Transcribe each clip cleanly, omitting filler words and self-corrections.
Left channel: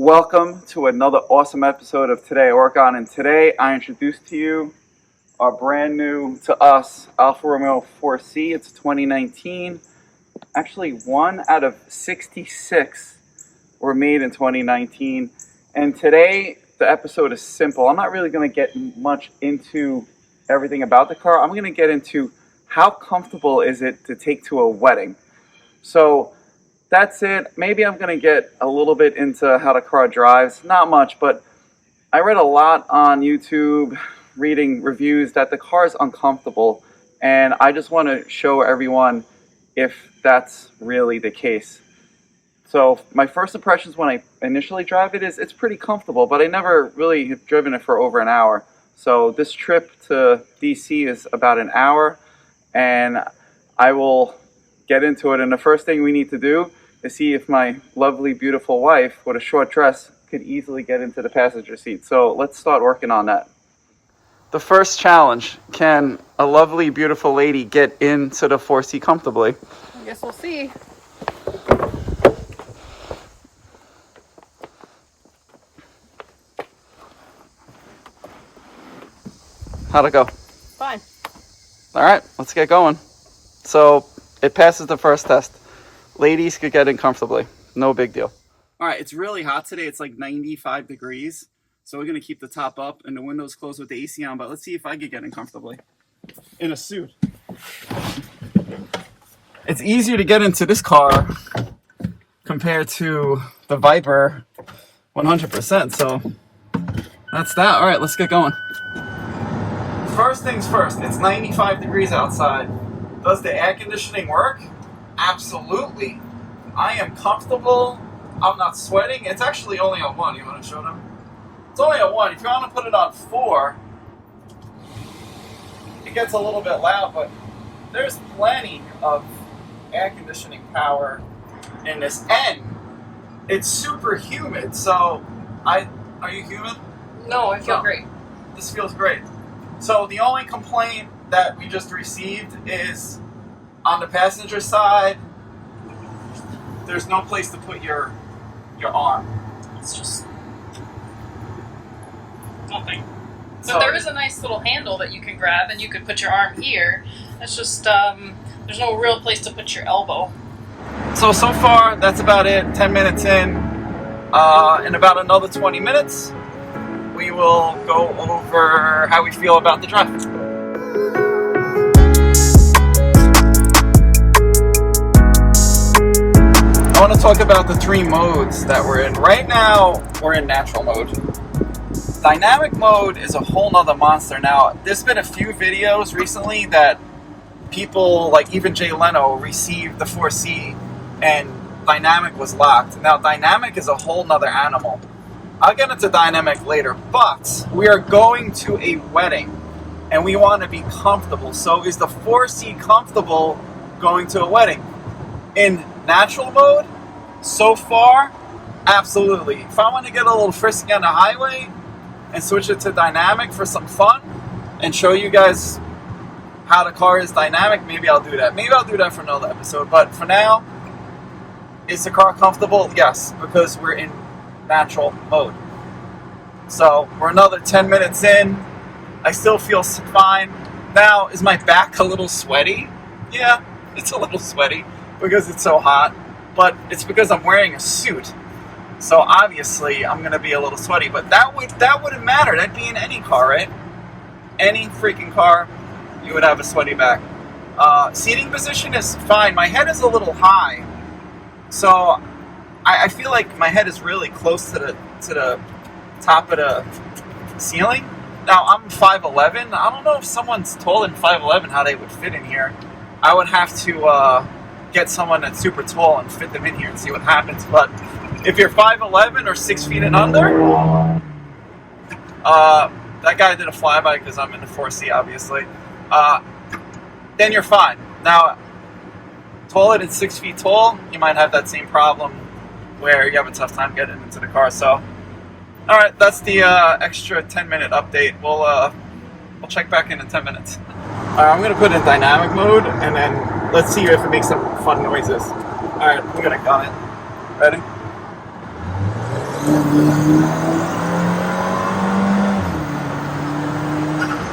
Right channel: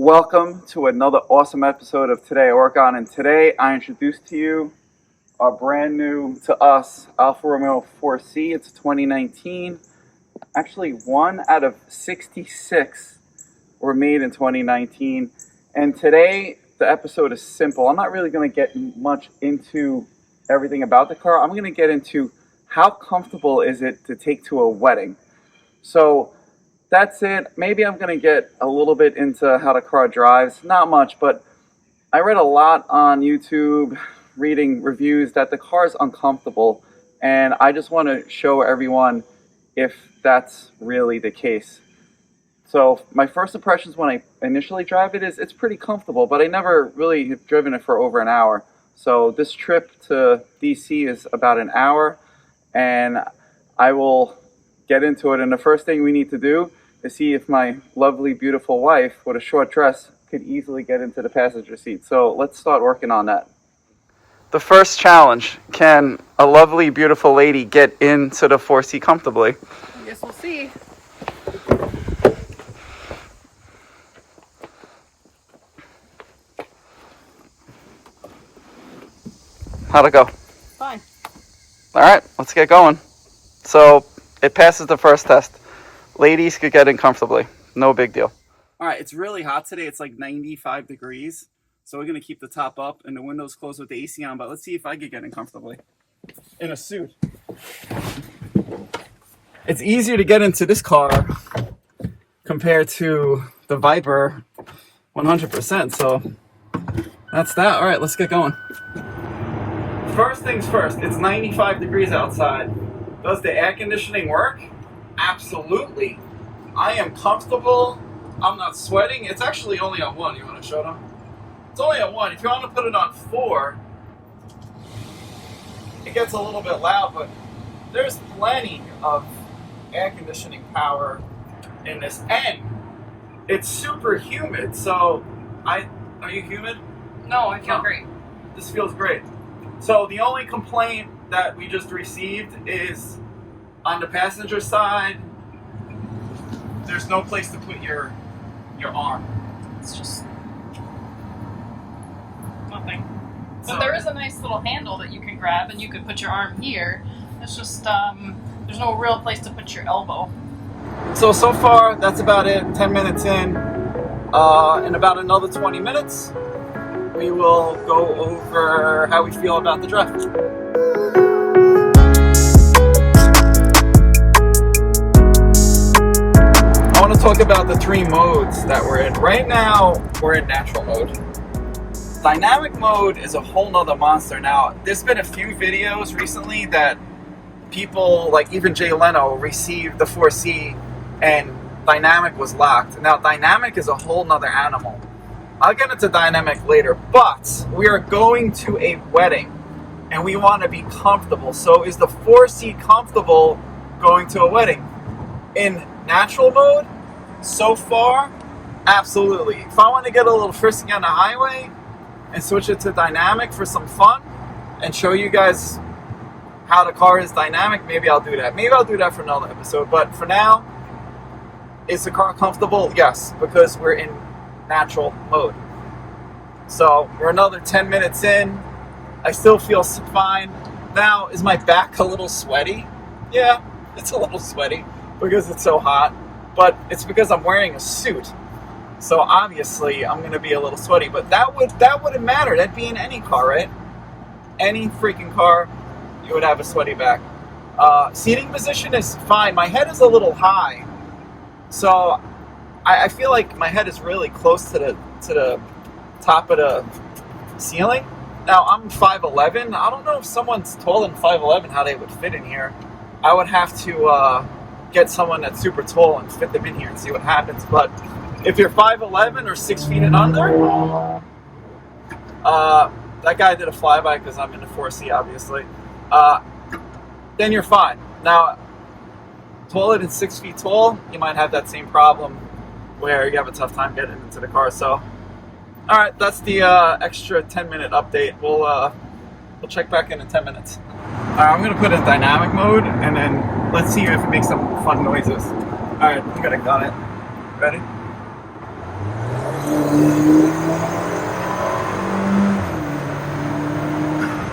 Welcome to another awesome episode of Today I Work On, and today I introduce to you our brand new to us Alfa Romeo 4C. It's 2019. Actually, 1 out of 66 were made in 2019. And today the episode is simple. I'm not really going to get much into everything about the car. I'm going to get into how comfortable is it to take to a wedding. So that's it. Maybe I'm going to get a little bit into how the car drives. Not much, but I read a lot on YouTube, reading reviews, that the car is uncomfortable. And I just want to show everyone if that's really the case. So my first impressions when I initially drive it is it's pretty comfortable, but I never really have driven it for over an hour. So this trip to DC is about an hour, and I will get into it. And the first thing we need to do is see if my lovely, beautiful wife with a short dress could easily get into the passenger seat. So let's start working on that. The first challenge, can a lovely, beautiful lady get into the 4C comfortably? I guess we'll see. How'd it go? Fine. All right, let's get going. So it passes the first test. Ladies could get in comfortably. No big deal. All right, it's really hot today. It's like 95 degrees. So we're going to keep the top up and the windows closed with the AC on. But let's see if I could get in comfortably in a suit. It's easier to get into this car compared to the Viper 100%. So that's that. All right, let's get going. First things first, it's 95 degrees outside. Does the air conditioning work? Absolutely. I am comfortable. I'm not sweating. It's actually only on 1. You want to show them? It's only on 1. If you want to put it on 4, it gets a little bit loud, but there's plenty of air conditioning power in this. And it's super humid. So, are you humid? No, I feel great. This feels great. So the only complaint that we just received is on the passenger side, there's no place to put your arm. It's just nothing. But So there is a nice little handle that you can grab, and you could put your arm here. It's just there's no real place to put your elbow. So far, that's about it. 10 minutes in about another 20 minutes, we will go over how we feel about the drive. I want to talk about the 3 modes that we're in. Right now, we're in natural mode. Dynamic mode is a whole nother monster. Now, there's been a few videos recently that people, like even Jay Leno, received the 4C and dynamic was locked. Now, dynamic is a whole nother animal. I'll get into dynamic later, but we are going to a wedding and we want to be comfortable. So is the 4C comfortable going to a wedding? In natural mode, so far, absolutely. If I want to get a little frisky on the highway and switch it to dynamic for some fun and show you guys how the car is dynamic, maybe I'll do that. Maybe I'll do that for another episode. But for now, is the car comfortable? Yes, because we're in natural mode. So we're another 10 minutes in. I still feel fine. Now, is my back a little sweaty? Yeah, it's a little sweaty because it's so hot, but it's because I'm wearing a suit. So obviously I'm gonna be a little sweaty, but that wouldn't matter. That'd be in any car, right? Any freaking car, you would have a sweaty back. Seating position is fine. My head is a little high, so I feel like my head is really close to the top of the ceiling. Now, I'm 5'11". I don't know if someone's taller than 5'11", how they would fit in here. I would have to get someone that's super tall and fit them in here and see what happens. But if you're 5'11" or 6 feet and under, that guy did a flyby because I'm in the 4C, obviously. Then you're fine. Now, taller than 6 feet tall, you might have that same problem where you have a tough time getting into the car. So, all right, that's the extra 10-minute update. We'll check back in 10 minutes. I'm gonna put it in dynamic mode, and then let's see if it makes some fun noises. All right, we're gonna gun it. Ready?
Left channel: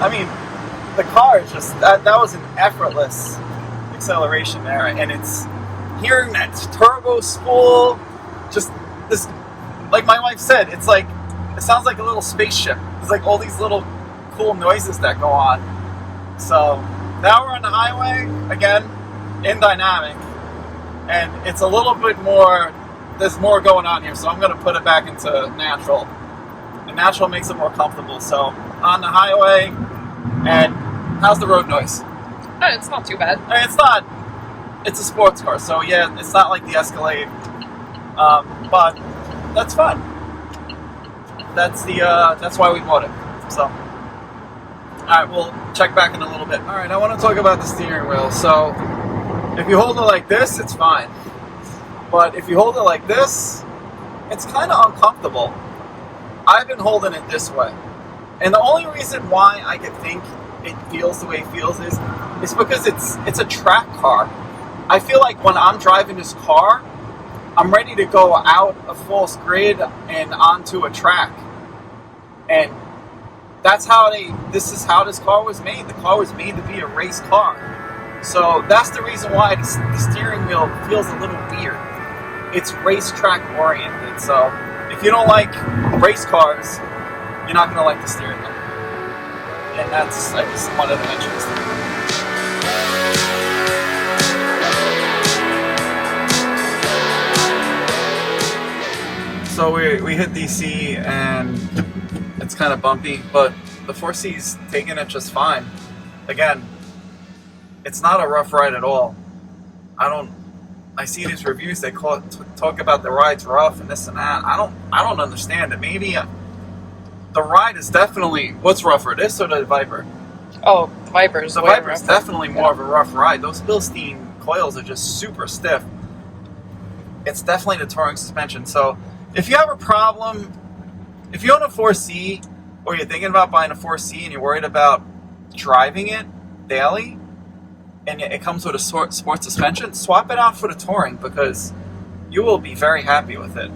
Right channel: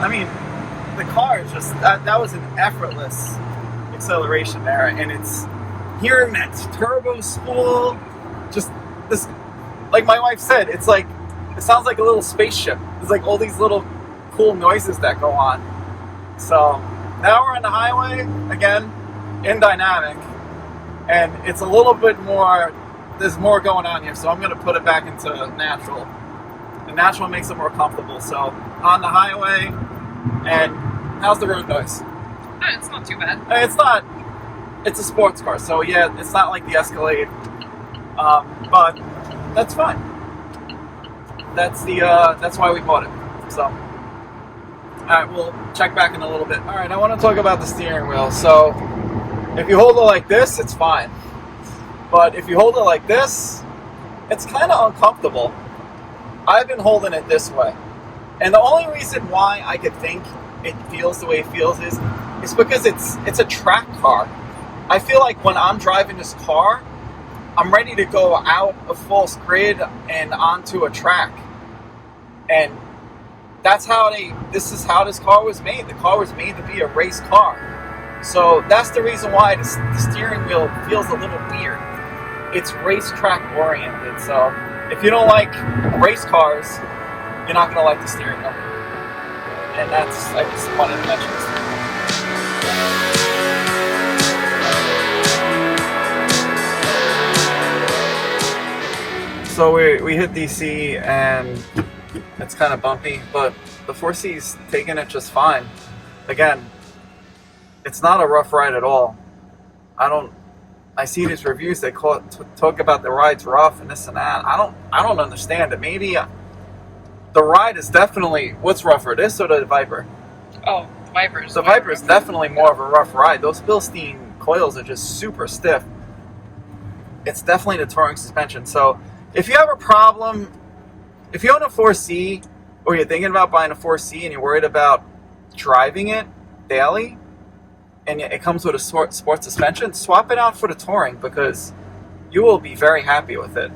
I mean, the car is just, that was an effortless acceleration there, and it's hearing that turbo spool, just this, like my wife said, it's like, it sounds like a little spaceship. There's like all these little cool noises that go on. So now we're on the highway again in dynamic, and it's a little bit more, there's more going on here, so I'm going to put it back into natural. The natural makes it more comfortable. So on the highway, and how's the road noise? Oh, it's not too bad. It's not, it's a sports car, so yeah, it's not like the Escalade, but that's fine. That's why we bought it. So, all right, we'll check back in a little bit. All right, I want to talk about the steering wheel. So, if you hold it like this, it's fine. But if you hold it like this, it's kind of uncomfortable. I've been holding it this way. And the only reason why I could think it feels the way it feels is because it's a track car. I feel like when I'm driving this car, I'm ready to go out of false grid and onto a track. And that's how this is how this car was made. The car was made to be a race car. So that's the reason why the steering wheel feels a little weird. It's racetrack oriented. So if you don't like race cars, you're not going to like the steering wheel. And I just wanted to mention the steering wheel. So we hit DC and it's kind of bumpy, but the 4C's taking it just fine. Again, it's not a rough ride at all. I see these reviews, they talk about the ride's rough and this and that. I don't understand it. Maybe the ride is definitely, what's rougher, this or the Viper? Oh, the Viper is the Viper is definitely more of a rough ride. Those Bilstein coils are just super stiff. It's definitely the touring suspension. So if you have a problem, if you own a 4C or you're thinking about buying a 4C and you're worried about driving it daily and it comes with a sports suspension, swap it out for the touring because you will be very happy with it.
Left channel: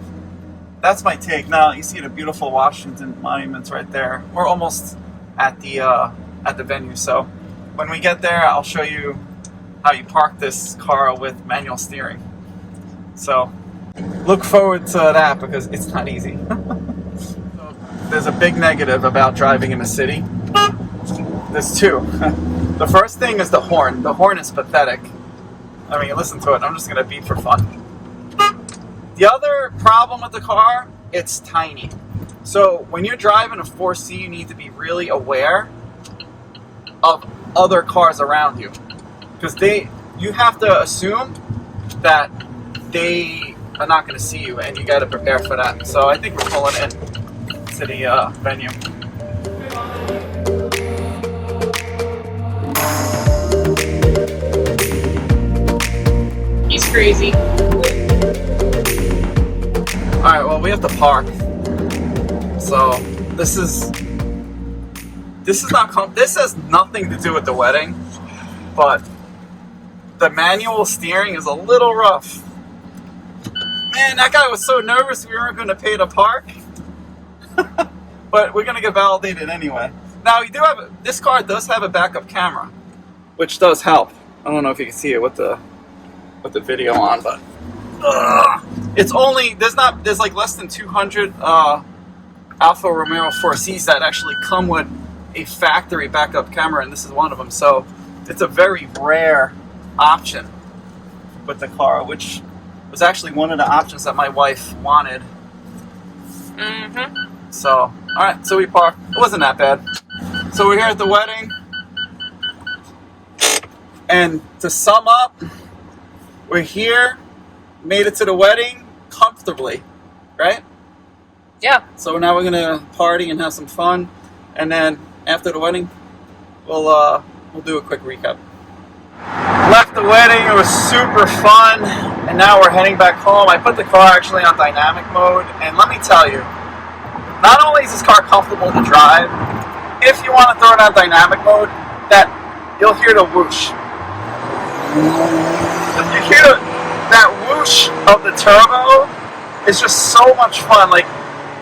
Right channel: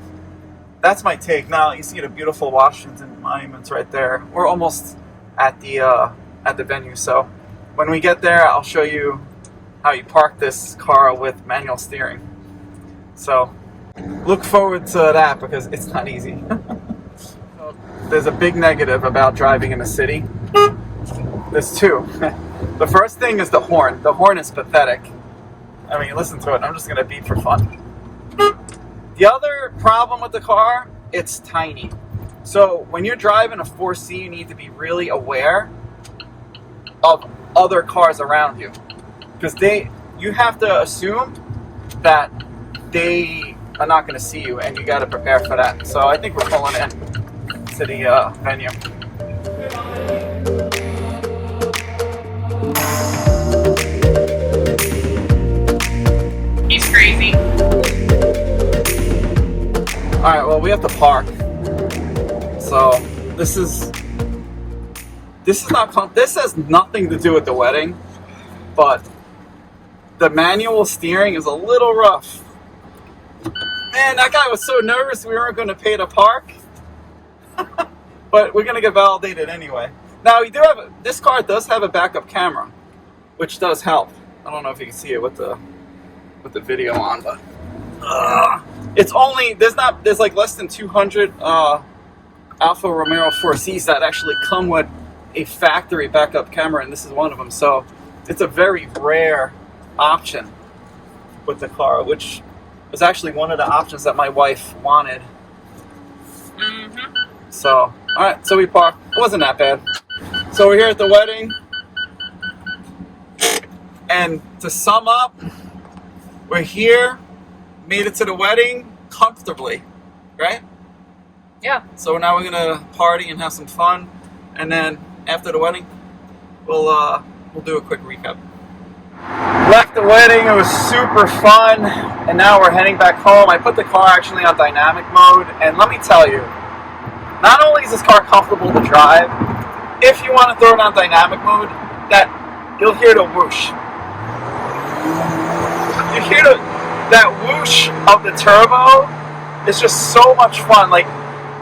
That's my take. Now you see the beautiful Washington monuments right there. We're almost at the venue, so when we get there, I'll show you how you park this car with manual steering. So look forward to that because it's not easy. There's a big negative about driving in a city. There's two. The first thing is the horn. The horn is pathetic. I mean, listen to it. I'm just going to beep for fun. The other problem with the car, it's tiny. So when you're driving a 4C, you need to be really aware of other cars around you. Because you have to assume that they are not going to see you, and you got to prepare for that. So I think we're pulling in to the venue. He's crazy. All right, well, we have to park. So this has nothing to do with the wedding, but the manual steering is a little rough. Man, that guy was so nervous we weren't going to pay to park. But we're going to get validated anyway. Now, this car does have a backup camera, which does help. I don't know if you can see it with the video on, but it's only, there's like less than 200 Alfa Romeo 4Cs that actually come with a factory backup camera, and this is one of them. So it's a very rare option with the car, which was actually one of the options that my wife wanted. Mm-hmm. So, all right, so we parked. It wasn't that bad. So we're here at the wedding, and to sum up, we're here, made it to the wedding comfortably, right? Yeah. So now we're gonna party and have some fun, and then after the wedding, we'll do a quick recap. Left the wedding, it was super fun, and now we're heading back home. I put the car actually on dynamic mode, and let me tell you, not only is this car comfortable to drive, if you want to throw it on dynamic mode, that you'll hear the whoosh. You hear that whoosh of the turbo. It's just so much fun. Like,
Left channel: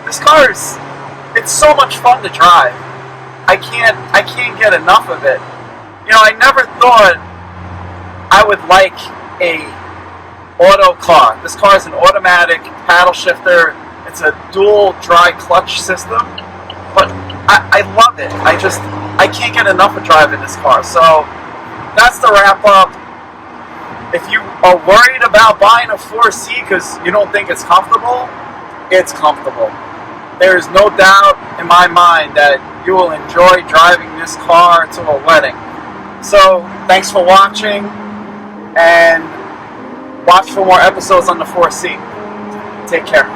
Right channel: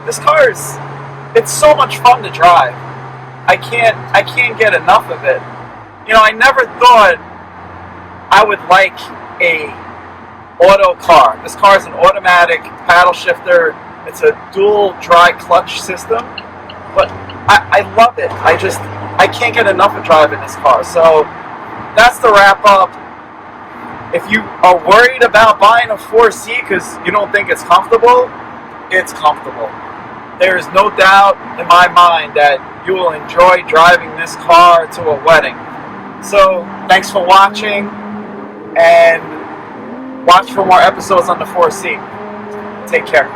This car it's so much fun to drive. I can't get enough of it. You know, I never thought I would like a auto car. This car is an automatic paddle shifter. It's a dual dry clutch system, but I love it. I can't get enough of driving this car. So that's the wrap up. If you are worried about buying a 4C because you don't think it's comfortable, it's comfortable. There is no doubt in my mind that you will enjoy driving this car to a wedding. So thanks for watching, and watch for more episodes on the 4C. Take care.